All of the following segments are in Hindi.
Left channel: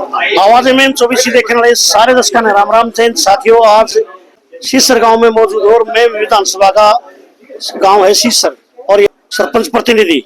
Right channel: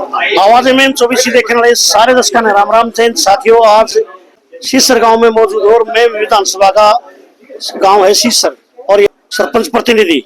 आवाज में 24 देखने वाले सारे दर्शकों ने राम राम जैन साथियों। आज सीसर गांव में मौजूद हूं और मैं विधानसभा का गांव है सीसर और सरपंच प्रतिनिधि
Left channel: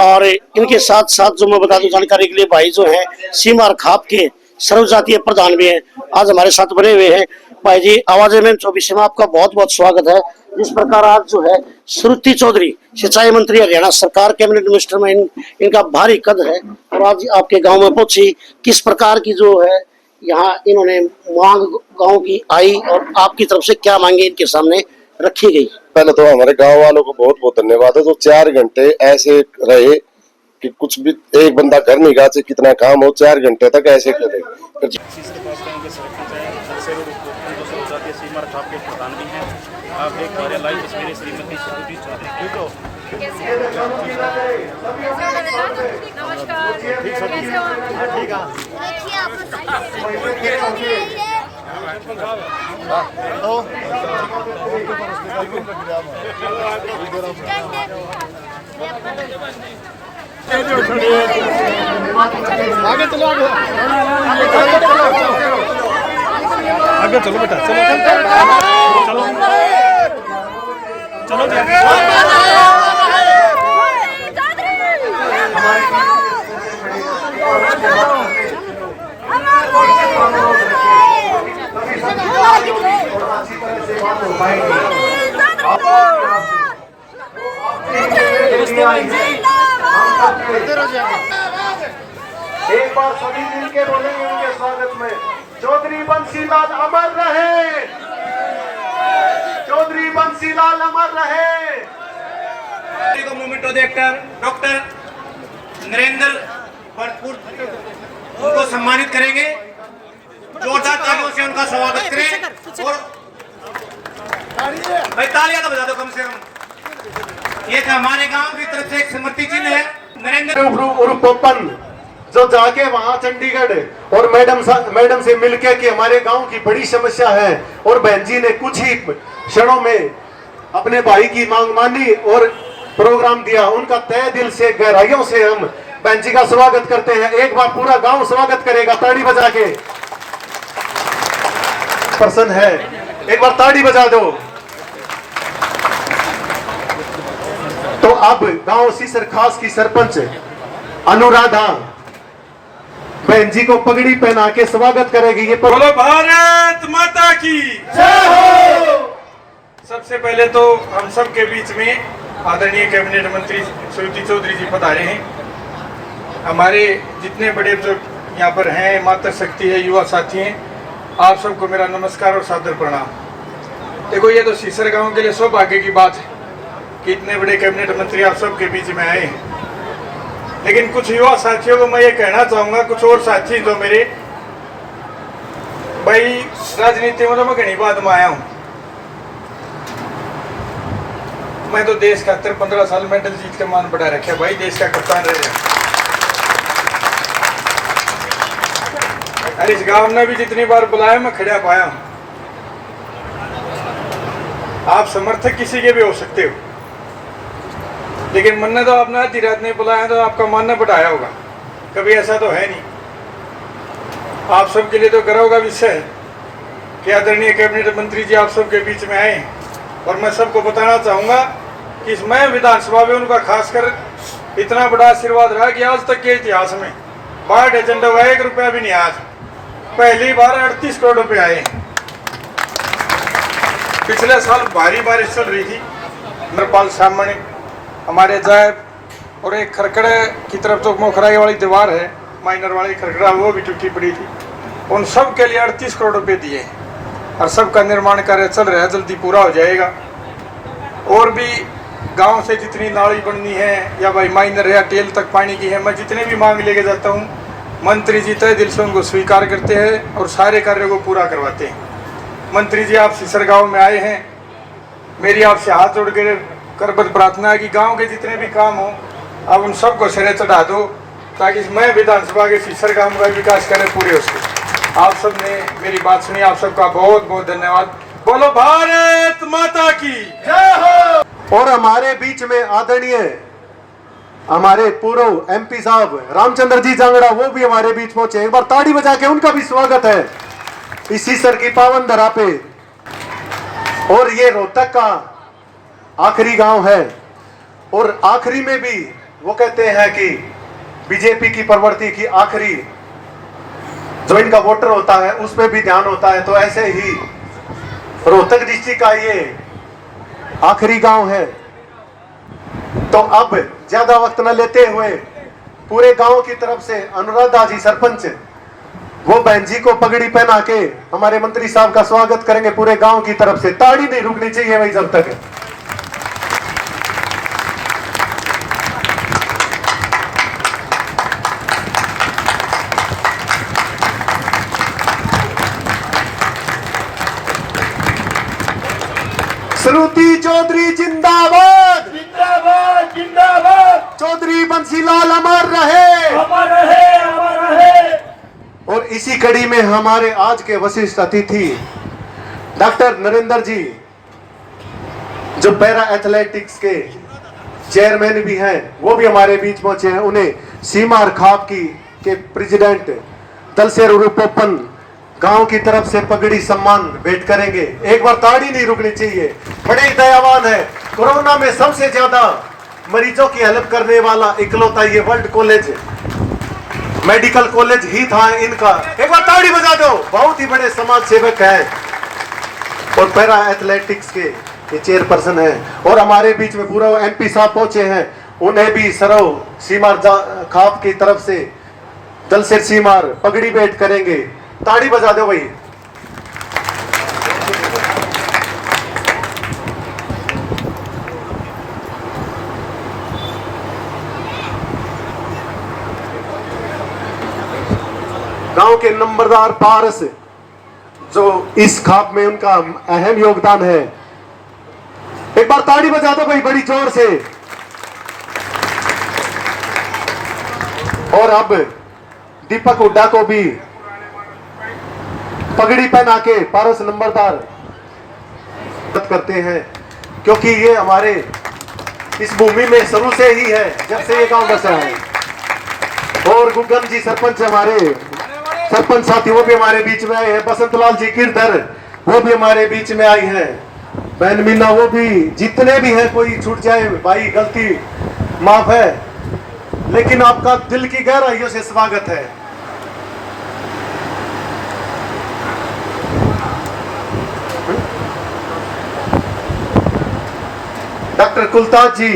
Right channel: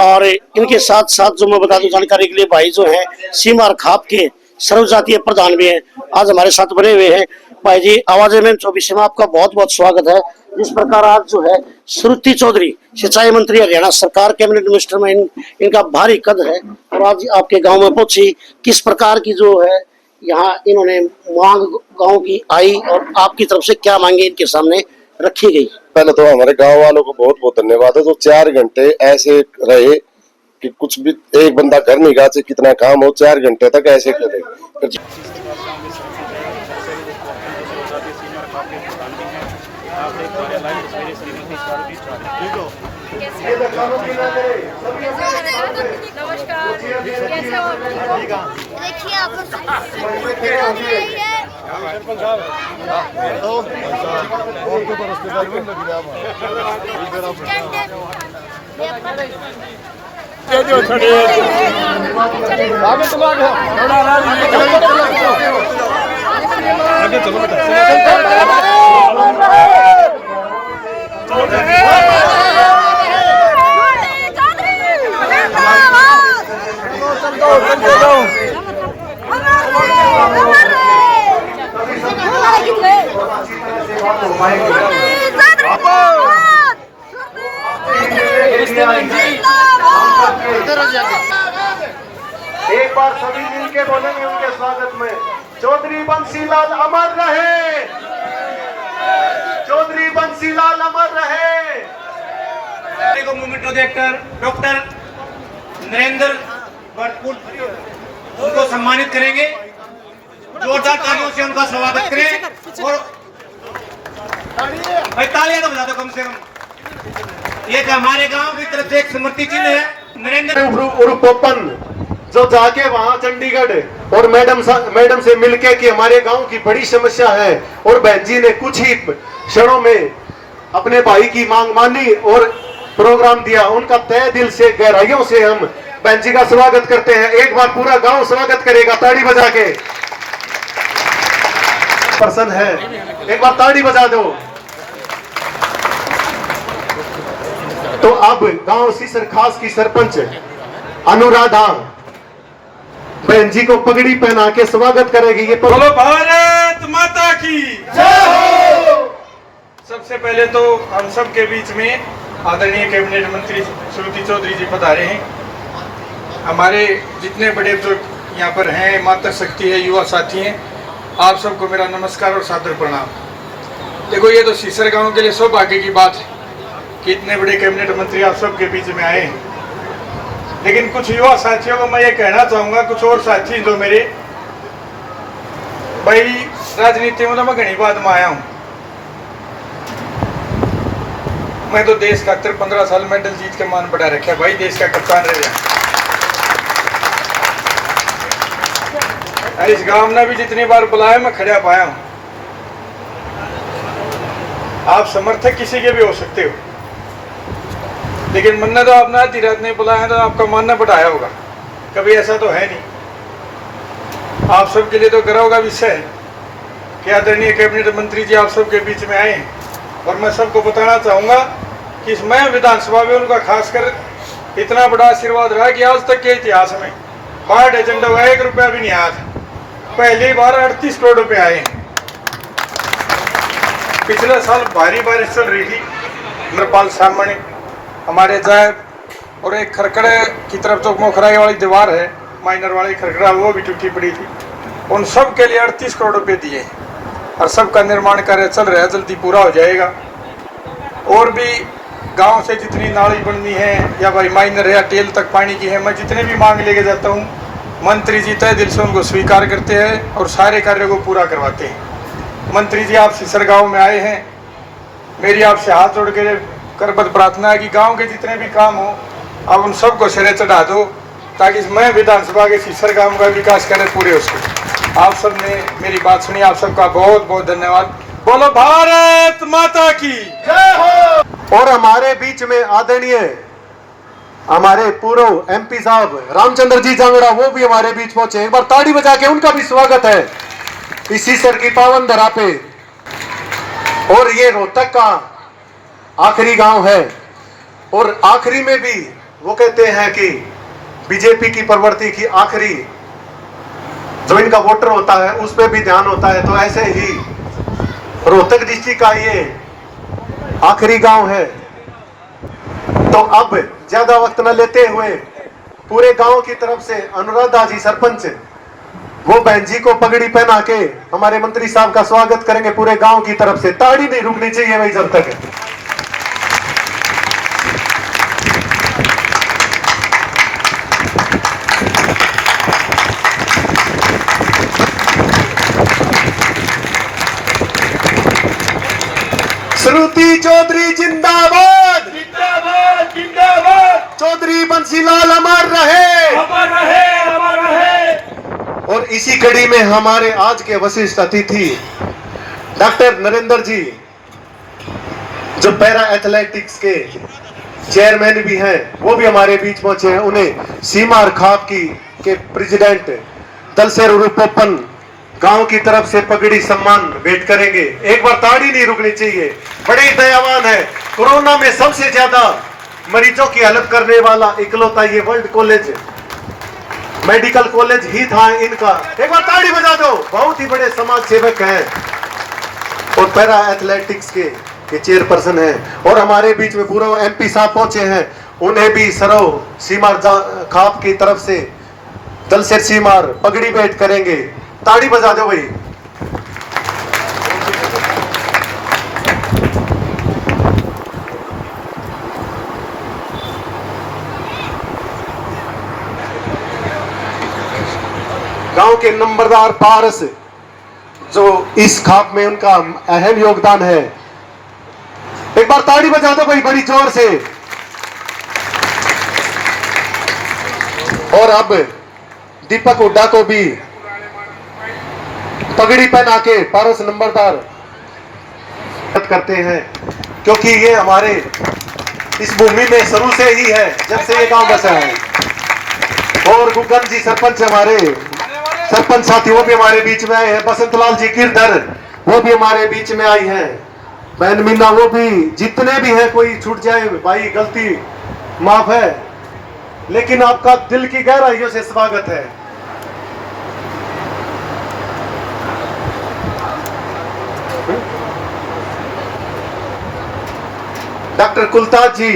और इनके साथ साथ जो मैं बता दूं जानकारी के लिए भाई जो है सीमार खाप के सर्वजातीय प्रधान भी हैं, आज हमारे साथ बने हुए हैं। भाई जी आवाज में 24 में आपका बहुत बहुत स्वागत है। जिस प्रकार आज जो है श्रुति चौधरी सिंचाई मंत्री हरियाणा सरकार कैबिनेट मिनिस्टर में इनका भारी कद है और आज आपके गांव में पहुंची, किस प्रकार की जो है यहाँ इन्होंने मांग गांव की आई और आपकी तरफ से क्या मांगे इनके सामने रखी गई। पहले तो हमारे गांव वालों को बहुत बहुत धन्यवाद है। तो 4 घंटे ऐसे रहे कि कुछ भी एक बंदा कर नहीं गा, चाहे कितना काम हो 4 घंटे तक ऐसे करे। आगे चलो बेटा, एक बार सभी मिलके बोलेंगे उनके स्वागत में, चौधरी बंसीलाल अमर रहे, चौधरी बंसीलाल अमर रहे। Movement director doctor Narendra Bharatpur उनको सम्मानित करेंगे, जोरदार तालियों से उनका स्वागत करें और तालियां तो बजा दो कम से कम। ये हमारे गांव की तरफ से एक स्मृति चिन्ह है। नरेंद्र उर्फ पोपन जो जाके वहां चंडीगढ़ और मैडम से मिलके कि हमारे गांव की बड़ी समस्या है और बहन जी ने कुछ ही क्षणों में अपने भाई की मांग मानी और प्रोग्राम दिया। उनका तहे दिल से गहराइयों से हम बहन जी का स्वागत करते हैं। एक बार पूरा गांव स्वागत करेगा ताड़ी बजा के। प्रसन्न है, एक बार ताड़ी बजा दो। तो अब गांव सीसर खास की सरपंच अनुराधा बहन जी को पगड़ी पहना के स्वागत करेगी। ये बोलो भारत माता की जय हो। सबसे पहले तो हम सब के बीच में आदरणीय कैबिनेट मंत्री श्रुति चौधरी जी पधारे हैं। हमारे जितने बड़े बुजुर्ग यहाँ पर हैं, माता शक्ति है, युवा साथी हैं, आप सबको मेरा नमस्कार और सादर प्रणाम। देखो ये तो सीसर गांव के लिए सौभाग्य की बात है कि इतने बड़े कैबिनेट मंत्री आप सबके बीच में आए हैं। लेकिन कुछ युवा साथियों को मैं ये कहना चाहूंगा, कुछ और साथी जो मेरे भाई राजनीति में तो मैं घनी बात में आया हूं। मैं तो देश का 15 साल मेडल जीत के मान बढ़ा रखा भाई, देश का कप्तान रहे। इस गांव ने भी जितनी बार बुलाया मैं खड़ा पाया हूं। आप समर्थक किसी के भी हो सकते हो, लेकिन मन ने तो आपने आधी रात नहीं बुलाया तो आपका मन ने बढ़ाया होगा, कभी ऐसा तो है नहीं। आप सबके लिए तो गर्व का विषय है कि आदरणीय कैबिनेट मंत्री जी आप सबके बीच में आए और मैं सबको बताना चाहूंगा कि मैं विधानसभा में उनका खासकर इतना बड़ा आशीर्वाद रहा कि आज तक के इतिहास में 62 एजेंडों का 1 रुपया भी नहीं आया था। पहली बार 38 करोड़ रुपए आए। पिछले साल भारी बारिश चल रही थी, नेपाल सामने हमारे जायब और एक खरकड़ा की तरफ तो मोखराई वाली दीवार है, माइनर वाली खरकड़ा, वो भी टूटी पड़ी थी। उन सब के लिए 38 करोड़ रुपए दिए और सबका निर्माण कार्य चल रहा है, जल्दी पूरा हो जाएगा। और भी गांव से जितनी नाली बननी है या भाई माइनर या टेल तक पानी की है, मैं जितने भी मांग लेके जाता हूँ, मंत्री जी तय दिल से उनको स्वीकार करते हैं और सारे कार्य को पूरा करवाते हैं। मंत्री जी आप सीसर गाँव में आए हैं, मेरी आपसे हाथ जोड़ के करबद्ध प्रार्थना है कि गांव के जितने भी काम हो आप उन सबको सिरे चढ़ा दो, ताकि मैं विधानसभा के सीसर गांव का विकास करें पूरे उसके। आप सब ने मेरी बात सुनी, आप सबका बहुत बहुत धन्यवाद। बोलो भारत माता की जय हो। और हमारे बीच में आदरणीय हमारे पूर्व एमपी साहब रामचंद्र जी जांगड़ा, वो भी हमारे बीच पहुंचे। एक बार ताड़ी बजा के उनका भी स्वागत है इस सीसर की पावन धरा पे। और ये रोहतक का आखिरी गांव है, और आखिरी में भी वो कहते हैं कि बीजेपी की प्रवृत्ति की आखिरी जो इनका वोटर होता है उस पर भी ध्यान होता है। तो ऐसे ही रोहतक डिस्ट्रिक्ट का ये आखिरी गांव है। तो अब ज्यादा वक्त न लेते हुए पूरे गांव की तरफ से अनुराधा जी सरपंच, वो बहन जी को पगड़ी पहना के हमारे मंत्री साहब का स्वागत करेंगे पूरे गांव की तरफ से। ताड़ी नहीं रुकनी चाहिए भाई जब तक। श्रुति चौधरी जिंदाबाद, जिंदाबाद जिंदाबाद। चौधरी बंसीलाल अमर रहे, अमर रहे, अमर रहे। और इसी कड़ी में हमारे आज के वशिष्ठ अतिथि डॉक्टर नरेंद्र जी, जो पैरा एथलेटिक्स के चेयरमैन भी हैं, वो भी हमारे बीच पहुंचे हैं। उन्हें सीमा खाप की के प्रेसिडेंट दलसेर उरुपोपन गांव की तरफ से पगड़ी सम्मान भेंट करेंगे। एक बार ताड़ी नहीं रुकनी चाहिए, बड़े ही दयावान है। कोरोना में सबसे ज्यादा मरीजों की हेल्प करने वाला इकलौता ये वर्ल्ड कॉलेज, मेडिकल कॉलेज ही था इनका। एक बार ताड़ी बजा दो, बहुत ही बड़े समाज सेवक हैं और पैरा एथलेटिक्स के ये चेयरपर्सन हैं। और हमारे बीच में पूरा एमपी साहब पहुंचे हैं, उन्हें भी सरो सीमार खाप की तरफ से दलसेर सीमार पगड़ी भेंट करेंगे। ताड़ी बजा दो भाई। गांव के नंबरदार पारस, जो इस खाप में उनका अहम योगदान है। एक बार ताड़ी बजा दो भाई बड़ी जोर से। और अब दीपक हुड्डा को भी पगड़ी पहना के पारस नंबरदार करते हैं, क्योंकि ये हमारे इस भूमि में शुरू से ही है, जब से ये गांव बसा है। और गुगन जी सरपंच, हमारे सरपंच साथी, वो भी हमारे बीच में आए हैं। बसंतलाल जी गिरधर, वो भी हमारे बीच में आई हैं। बहन मीना, वो भी, जितने भी हैं, कोई छूट जाए भाई गलती माफ है, लेकिन आपका दिल की गहराइयों से स्वागत है। Doctor Kultaj ji,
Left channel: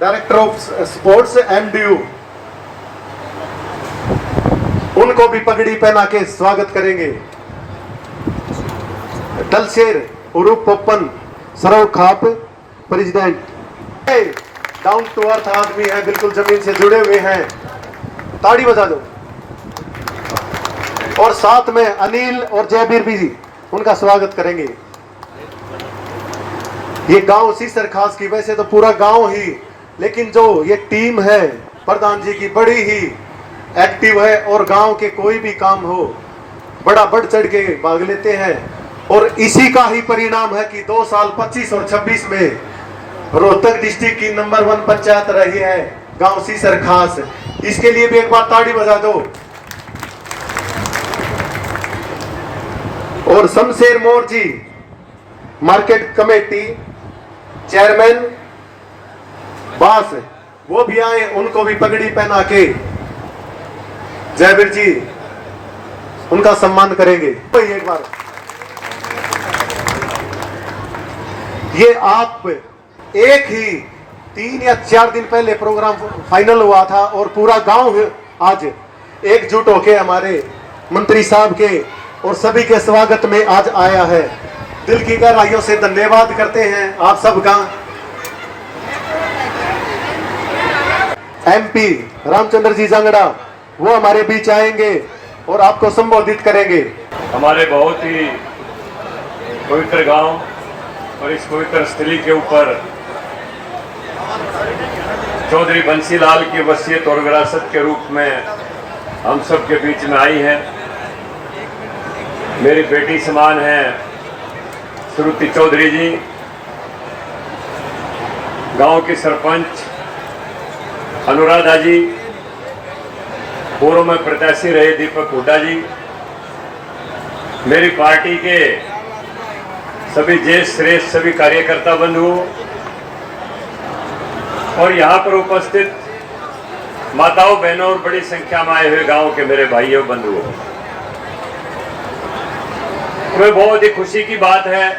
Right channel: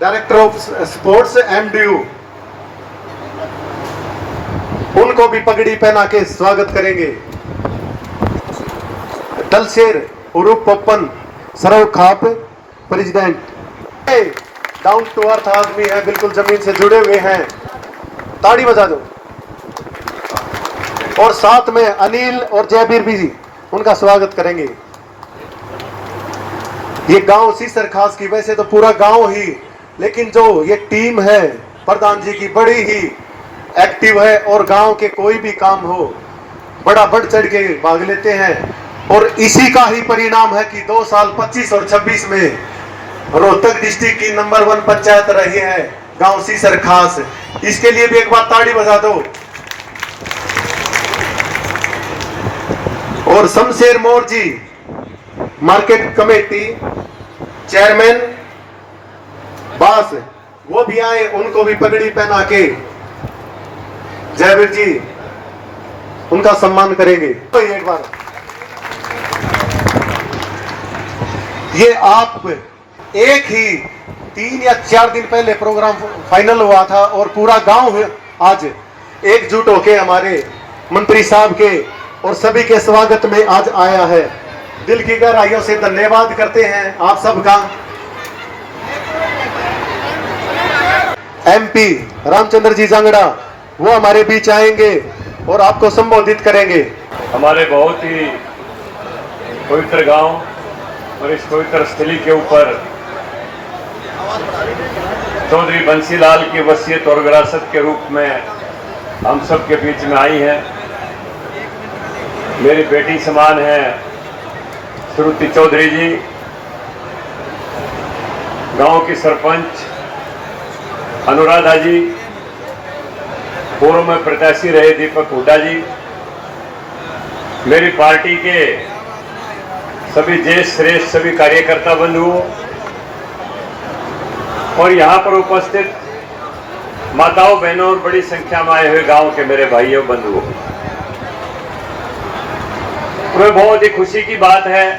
director of sports MDU, उनको भी पगड़ी पहना के स्वागत करेंगे। दलसेर उरुप पोपन सरव खाप प्रेसिडेंट, डाउन टू अर्थ आदमी है, बिल्कुल जमीन से जुड़े हुए हैं। ताड़ी बजा दो। और साथ में अनिल और जयबीर भी उनका स्वागत करेंगे। ये गांव सीसर खास की, वैसे तो पूरा गांव ही, लेकिन जो ये टीम है प्रधान जी की बड़ी ही एक्टिव है और गांव के कोई भी काम हो बड़ा बढ़ चढ़ के भाग लेते हैं। और इसी का ही परिणाम है कि 2 साल 25 और 26 में रोहतक डिस्ट्रिक्ट की नंबर 1 पंचायत रही है गांव सीसर खास। इसके लिए भी एक बार ताड़ी बजा दो। और शमशेर मोर जी, मार्केट कमेटी चेयरमैन बास, वो भी आए, उनको भी पगड़ी पहना के जयवीर जी उनका सम्मान करेंगे। तो एक बार ये आप एक ही 3 या 4 दिन पहले प्रोग्राम फाइनल हुआ था और पूरा गांव आज एकजुट होके हमारे मंत्री साहब के और सभी के स्वागत में आज आया है। दिल की गहराइयों से धन्यवाद करते हैं आप सबका। एमपी रामचंद्र जी जांगड़ा, वो हमारे बीच आएंगे और आपको संबोधित करेंगे। हमारे बहुत ही पवित्र गांव और इस पवित्र स्थली के ऊपर चौधरी बंसीलाल की वसीयत और विरासत के रूप में हम सब के बीच में आई है। मेरी बेटी समान है श्रुति चौधरी जी, गांव की सरपंच अनुराधा जी, पूर्व में प्रत्याशी रहे दीपक हुड्डा जी, मेरी पार्टी के सभी ज्येष्ठ श्रेष्ठ सभी कार्यकर्ता बंधुओं और यहाँ पर उपस्थित माताओं बहनों और बड़ी संख्या में आए हुए गांव के मेरे भाइयों बंधुओं, हमें बहुत ही खुशी की बात है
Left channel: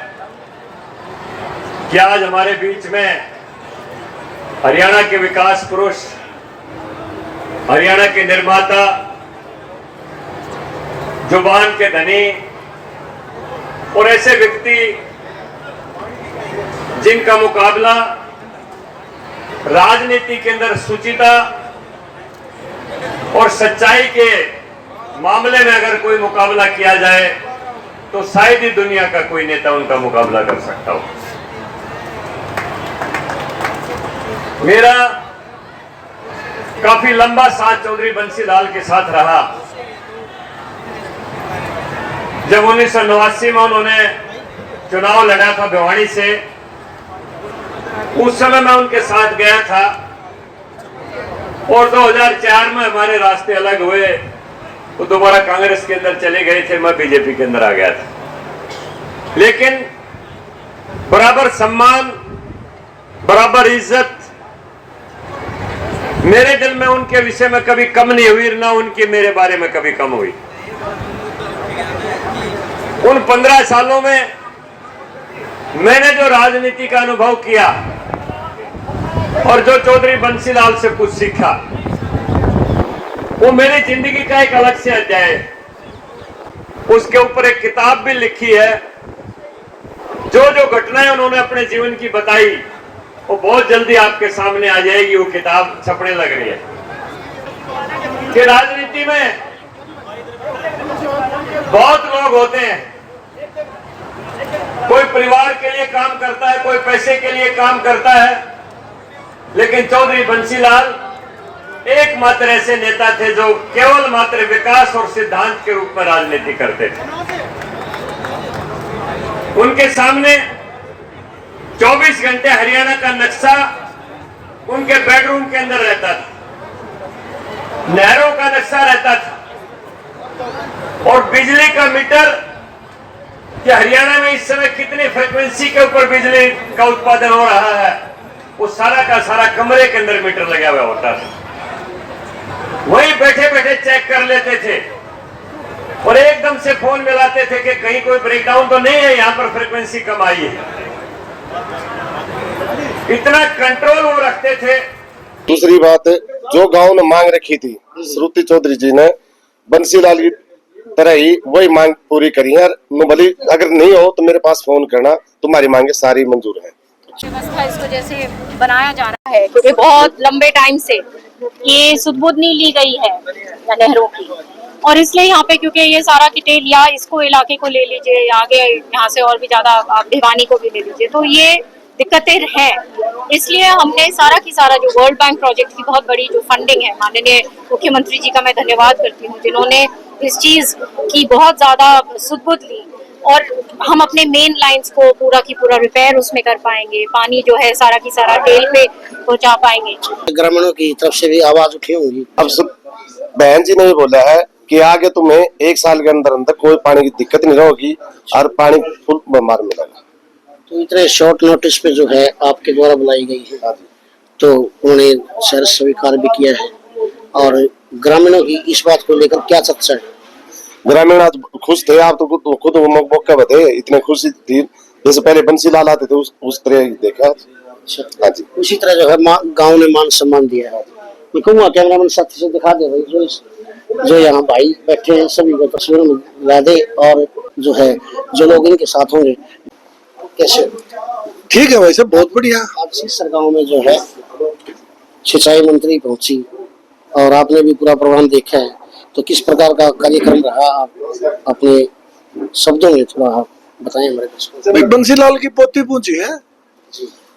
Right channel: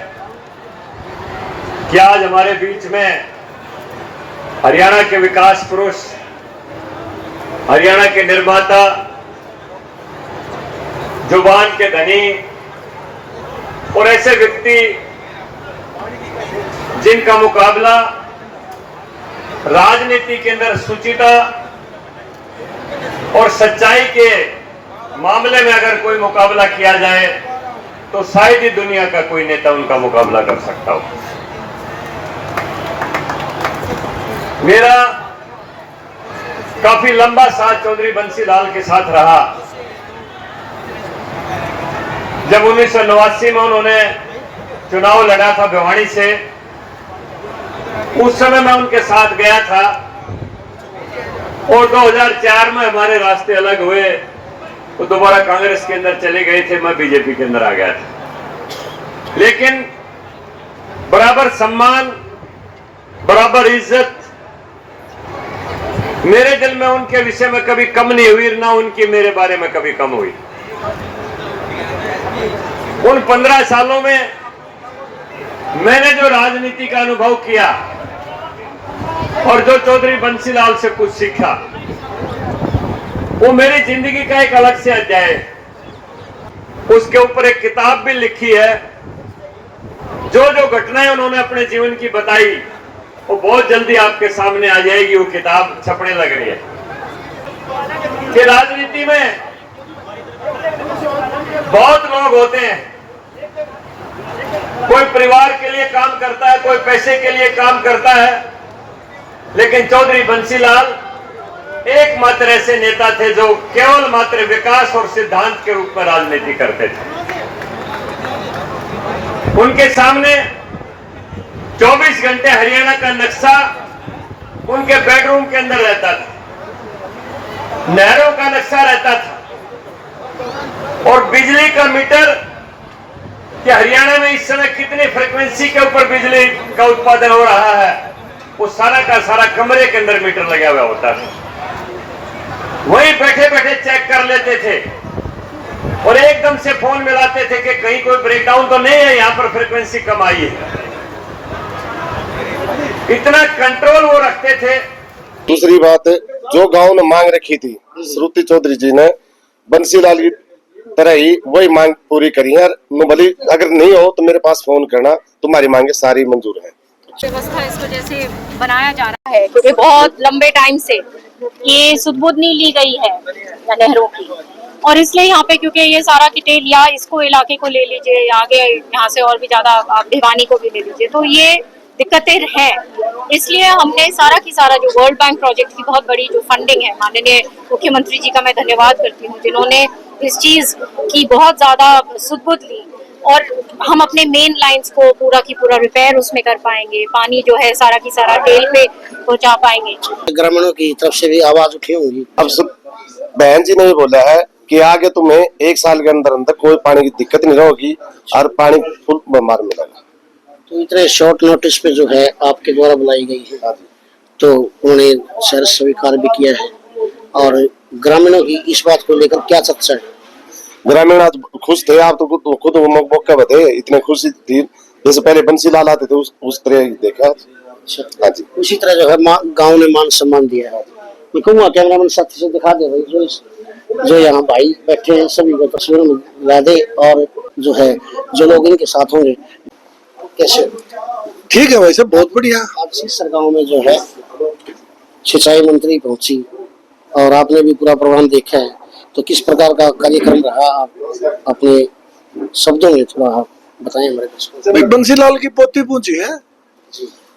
कि आज हमारे बीच में हरियाणा के विकास पुरुष, हरियाणा के निर्माता, जुबान के धनी और ऐसे व्यक्ति जिनका मुकाबला राजनीति के अंदर सुचिता और सच्चाई के मामले में अगर कोई मुकाबला किया जाए तो शायद ही दुनिया का कोई नेता उनका मुकाबला कर सकता हो। मेरा काफी लंबा साथ चौधरी बंसीलाल के साथ रहा। जब 1989 में उन्होंने चुनाव लड़ा था भिवाड़ी से, उस समय मैं उनके साथ गया था और 2004 में हमारे रास्ते अलग हुए। वो दोबारा कांग्रेस के अंदर चले गए थे, मैं बीजेपी के अंदर आ गया था। लेकिन बराबर सम्मान, बराबर इज्जत मेरे दिल में उनके विषय में कभी कम नहीं हुई, ना उनकी मेरे बारे में कभी कम हुई। उन 15 सालों में मैंने जो राजनीति का अनुभव किया और जो चौधरी बंसीलाल से कुछ सीखा, वो मेरी जिंदगी का एक अलग से अध्याय है। उसके ऊपर एक किताब भी लिखी है। जो जो घटनाएं उन्होंने अपने जीवन की बताई वो बहुत जल्दी आपके सामने आ जाएगी। वो किताब छपने लग रही है कि राजनीति में बहुत लोग होते हैं, कोई परिवार के लिए काम करता है, कोई पैसे के लिए काम करता है, लेकिन चौधरी बंसीलाल एकमात्र ऐसे नेता थे जो केवल मात्र विकास और सिद्धांत के रूप में राजनीति करते थे। उनके सामने 24 घंटे हरियाणा का नक्शा उनके बेडरूम के अंदर रहता था, नहरों का नक्शा रहता था और बिजली का मीटर कि हरियाणा में इस समय कितनी फ्रीक्वेंसी के ऊपर बिजली का उत्पादन हो रहा है, वो सारा का सारा कमरे के अंदर मीटर लगा हुआ होता था। वहीं बैठे बैठे चेक कर लेते थे और एकदम से फोन मिलाते थे कि कहीं कोई ब्रेकडाउन तो नहीं है, यहाँ पर फ्रीक्वेंसी कम आई है। इतना कंट्रोल वो रखते थे। दूसरी बात, जो गांव ने मांग रखी थी श्रुति चौधरी जी ने बंसीलाल की तरह ही वही मांग पूरी करी है। भले अगर नहीं हो तो मेरे पास फोन करना, तुम्हारी मांगे सारी मंजूर है। व्यवस्था इस वजह से बनाया जा रहा है क्योंकि बहुत लंबे टाइम से ये सुध-बुध नहीं ली गई है नहरों की, और इसलिए यहाँ पे क्योंकि ये सारा डिटेल या इसको इलाके को ले लीजिए, आगे यहाँ से और भी ज्यादा आप भिवानी को भी ले लीजिए, तो ये दिक्कतें हैं। इसलिए हमने सारा की सारा जो वर्ल्ड बैंक प्रोजेक्ट की बहुत बड़ी जो फंडिंग है, माननीय मुख्यमंत्री जी का मैं धन्यवाद करती हूँ जिन्होंने इस चीज की बहुत ज्यादा सुध-बुध ली, और हम अपने मेन लाइंस को पूरा की पूरा रिपेयर उसमें कर पाएंगे, पानी जो है सारा की सारा टेल पे पहुंचा पाएंगे। ग्रामीणों की तरफ से भी आवाज उठी होंगी। अब सब बहन जी ने भी बोला है कि आगे तुम्हें 1 साल के अंदर अंदर कोई पानी की दिक्कत नहीं होगी और पानी फुल बीमार मिलेगा। तो इतने शॉर्ट नोटिस पे जो है आपके द्वारा बुलाई गई है, तो उन्होंने शहर स्वीकार भी किया है, और ग्रामीणों की इस बात को लेकर क्या चर्चा है? ग्रामीण आज खुश थे। आप तो खुद मौका बताए, इतने खुशी थी जैसे पहले बंसीलाल आते थे उस तरह देखा। हाँ जी, उसी तरह जो है गांव ने मान सम्मान दिया है। मैं कहूँगा कैमरामैन साथी से दिखा दे भाई, जो यहाँ भाई बैठे हैं सभी को तस्वीर में ला दे, और जो है जो लोग इनके साथ होंगे कैसे। ठीक है भाई साहब, बहुत बढ़िया। आज सीसर गाँव में जो है सिंचाई मंत्री पहुंची और आपने भी पूरा प्रोग्राम देखा है, तो किस प्रकार का कार्यक्रम रहा, आप अपने शब्दों में थोड़ा आप बताएं हमारे दर्शकों को। भाई बंसीलाल की पोती पूछी है,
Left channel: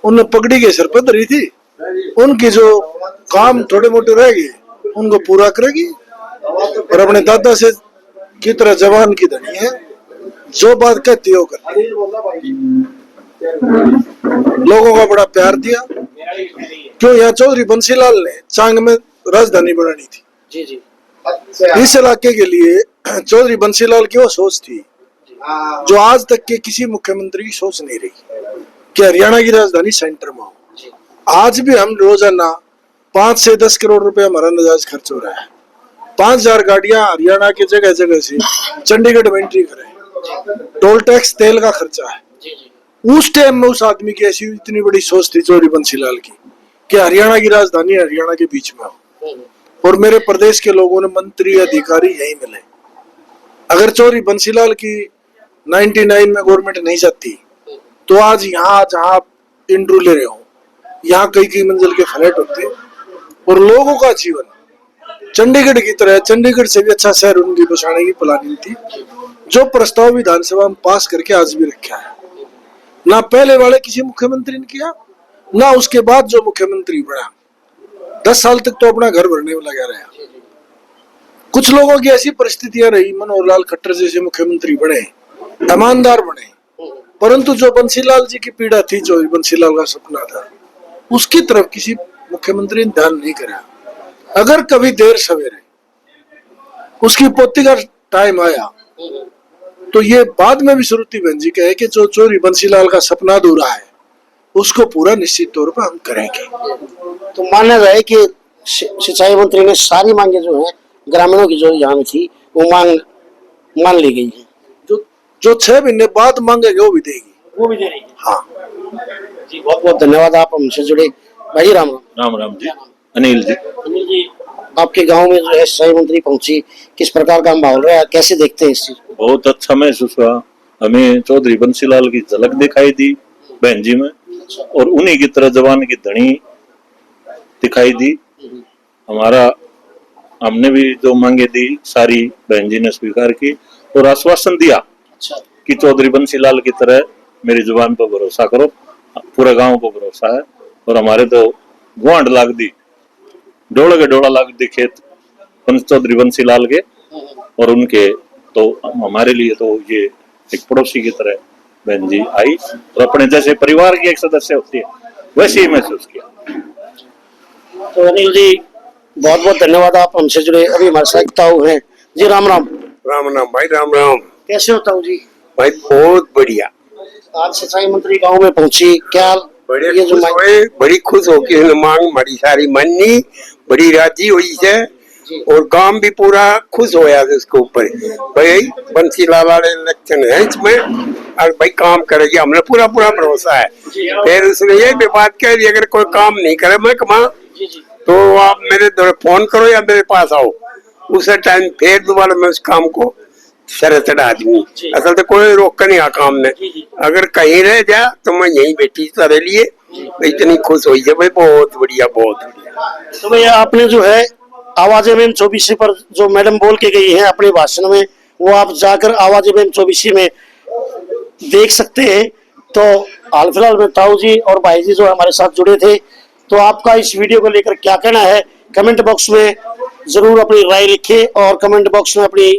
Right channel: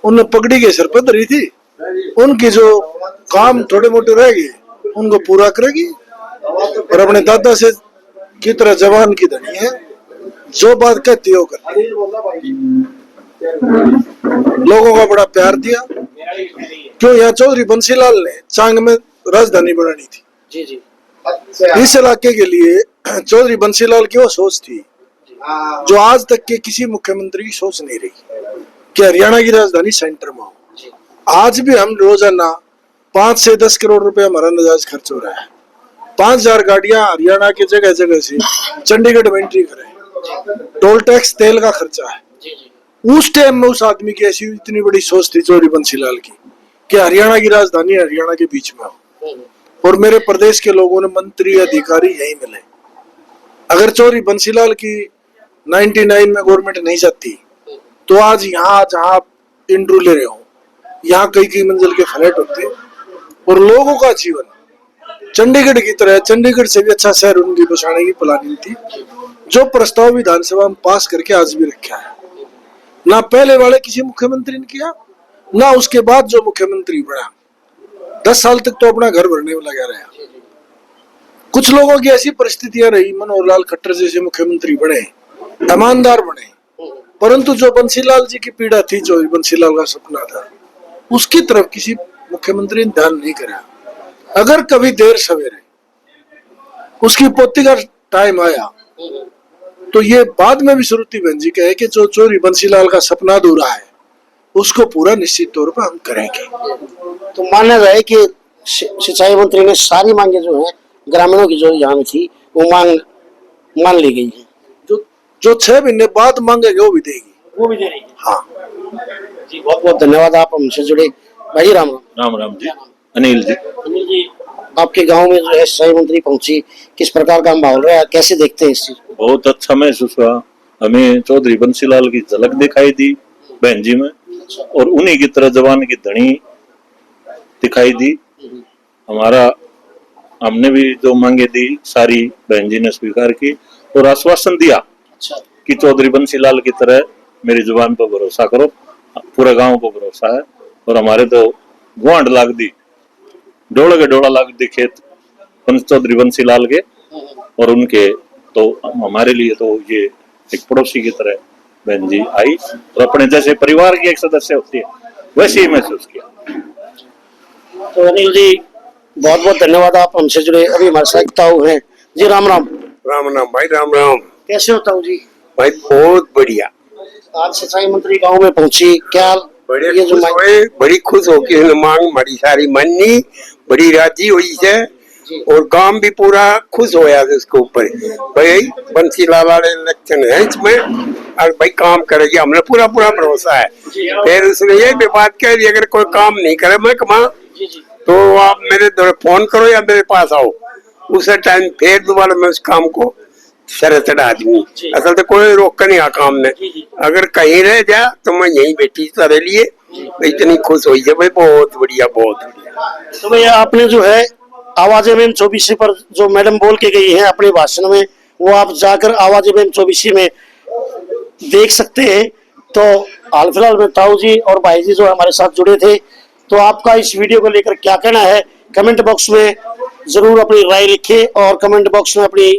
उन्होंने पगड़ी के सिर पर धरी थी, उनकी जो काम थोड़े मोटे रह गए उनको पूरा करेगी, और अपने दादा से की तरह जवान की धनी है, जो बात कहती है वो करती है। लोगों का बड़ा प्यार दिया। क्यों यहाँ चौधरी बंसीलाल ने चांग में राजधानी बनानी थी। जी जी। इस इलाके के लिए चौधरी बंसीलाल की वो सोच थी जो आज तक के किसी मुख्यमंत्री की सोच नहीं रही कि हरियाणा की राजधानी सेंटर में हो। आज भी हम रोजाना 5 से 10 करोड़ रुपए हमारा नजायज खर्च हो रहा है। 5000 गाड़ियां हरियाणा के जगह जगह से चंडीगढ़ में एंट्री करें, टोल टैक्स तेल का खर्चा है। उस टाइम में उस आदमी की ऐसी इतनी बड़ी सोच थी चौधरी बंसीलाल की कि हरियाणा की राजधानी हरियाणा के बीच में हो और मेरे प्रदेश के लोगों ने मंत्री अधिकारी यही मिले। अगर चौधरी बंसीलाल की 99 में गवर्नमेंट नहीं जाती तो आज यहाँ जहाँ इंटरव्यू ले रहे हो यहाँ कई मंजिल के फ्लैट होते और लोगों का जीवन चंडीगढ़ की तरह, चंडीगढ़ से भी अच्छा शहर उनकी बसाने की प्लानिंग थी, जो प्रस्ताव विधानसभा में पास करके आज भी रखा है। ना पहले वाले किसी मुख्यमंत्री ने किया, ना उसके बाद जो मुख्यमंत्री बना 10 साल तक तो अपना घर भरने में लगा रहा। कुछ लोगों की ऐसी परिस्थितियां रही, मनोहर लाल खट्टर जैसे मुख्यमंत्री बने, ईमानदार बने, परंतु जो बंसीलाल जी की पीड़ा थी, जो बंसीलाल का सपना था, उसकी तरफ किसी मुख्यमंत्री ने ध्यान नहीं करा। अगर कभी देर सवेरे उसकी पोती का टाइम आया तो ये बाद में भी श्रुति बहन जी कहे कि जो चौधरी बंसीलाल का सपना अधूरा है उसको पूरा निश्चित तौर पर हम करेंगे। तो माना जाए कि सिंचाई मंत्री ने सारी मांगे जो है ग्रामीणों की जो यहाँ में थी वो मान ली गई है। जो 6 महीने बाद मांगेंगे वो भी देगी, वो भी दे रही है। हाँ जी, बहुत बहुत धन्यवाद आप हमसे जुड़े। भाई राम राम। राम जी। अनिल जी। अनिल जी, आपके गांव में जो है सिंचाई मंत्री पहुंची, किस प्रकार का माहौल रहा, कैसे देखते हैं इस चीज? बहुत अच्छा महसूस हुआ। हमें चौधरी बंसीलाल की झलक दिखाई दी बहन जी में और उन्हीं की तरह जवान की धनी दिखाई दी। हमने भी जो मांगे दी सारी बहन जी ने स्वीकार की और आश्वासन दिया कि चौधरी बंसीलाल की तरह मेरी जुबान पर भरोसा करो। पूरे गांव को भरोसा है और हमारे तो गुआंड लाग दी, डोला के डोला लाग दी खेत चौधरी बंसीलाल के और उनके, तो हमारे लिए तो ये एक पड़ोसी की तरह बहन जी आई और अपने जैसे परिवार की एक सदस्य होती है वैसे ही महसूस किया। तो अनिल जी बहुत बहुत धन्यवाद, आप हमसे जुड़े। अभी हमारे साथ ताऊ हैं जी। राम राम। राम राम भाई, राम राम। कैसे हो ताऊ जी? भाई बहुत बढ़िया। आज सिंचाई मंत्री गांव में पहुंची, क्या बड़े खुश हुए, बड़ी खुश होके मांग हमारी सारी मननी, बड़ी राजी हुई है और गांव भी पूरा खुश होया इसके ऊपर। भाई बंसीलाल वाले इलेक्शन है इसमें और भाई काम करेगी, हमने पूरा भरोसा है। फिर उसने ये भी बात कह दी अगर कोई काम नहीं करे मैं कमा तो आप मेरे फोन करो या मेरे पास आओ, उस टाइम फिर दोबारा मैं उस काम को सर चढ़ा दूंगी। असल तो कोई रोक नहीं आ काम ने, अगर कहीं रह जा तो मैं यहीं बैठी तेरे लिए। इतनी खुश हुई है भाई, बहुत बढ़िया बहुत बढ़िया। तो भैया आपने जो है आवाज एम 24 पर जो मैडम बोल के गई है अपने भाषण में, वो आप जाकर आवाज एम 24 में देख सकते हैं। तो हाल फिलहाल में ताऊ जी और भाई जी जो हमारे साथ जुड़े थे, तो आपका इस वीडियो को लेकर क्या कहना है कमेंट बॉक्स में जरूर अपनी राय लिखें और कमेंट बॉक्स में अपनी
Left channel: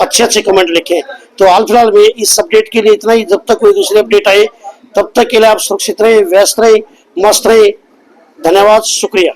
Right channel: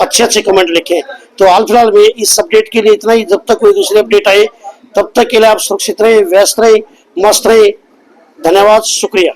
अच्छे कमेंट लिखें। तो हाल फिलहाल में इस अपडेट के लिए इतना ही। जब तक कोई दूसरी अपडेट आए तब तक के लिए आप सुरक्षित रहें, व्यस्त रहें, मस्त रहें। धन्यवाद, शुक्रिया।